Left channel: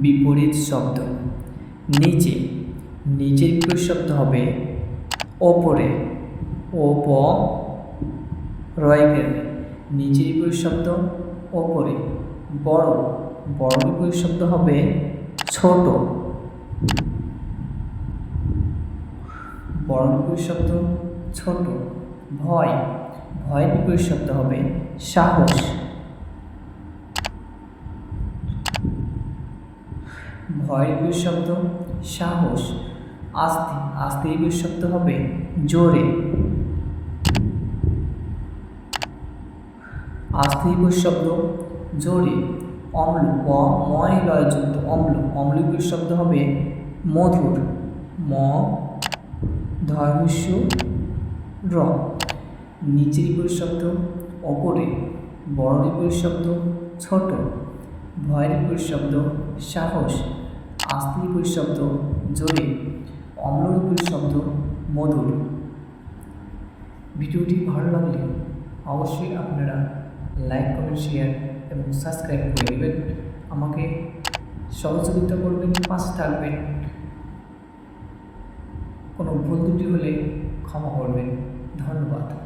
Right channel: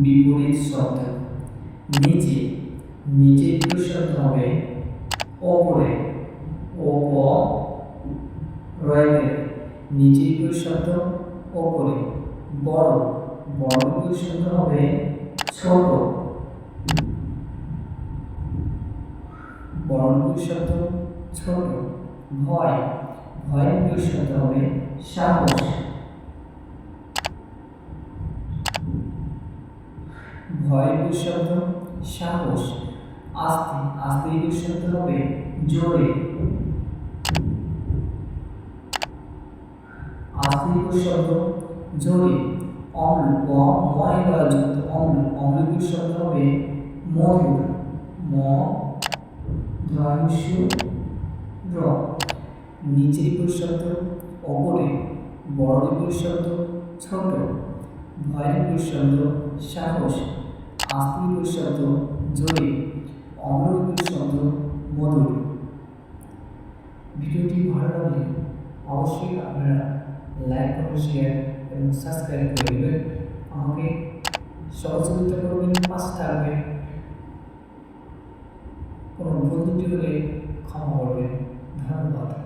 বিপরীত শব্দ। নিচে নিচের বিপরীত শব্দ হবে, ওপরে ওপ রয় গেলে নিচের বিপরীত শব্দ, ওপরে। বড় বড় বিপরীত শব্দ হবে, ছোট। বড় বিপরীত শব্দ, ছোট। ভয়, ভয়ের বিপরীত শব্দ হবে, সাহস। ভয়ের শব্দ সাহস, আস্তে আস্তে বিপরীত শব্দ হবে, জোরে। আস্তে বিপরীত শব্দ জোরে। অম্ল, ব, ময় লয়যুক্ত অম্ল অম্ল শব্দ হবে মধুর, ম ধর্মস্য র। নিচের শব্দ ওপরে। বড় শব্দ ছোট। ভয়ের বিপরীত শব্দ সাহস। আস্তে বিপরীত শব্দ জোরে। অম্ল বিপরীত শব্দ মধুর। ভিডিওটি ভালো লাগলে অবশ্যই আপনারা লাইক, কমেন্ট, শেয়ার এবং সাবস্ক্রাইব করে দেবেন। আমাকে সহযোগিতা করবেন, পাশে থাকবেন। কোনো ভুল ত্রুটি হলে ক্ষমা করবেন। ধন্যবাদ।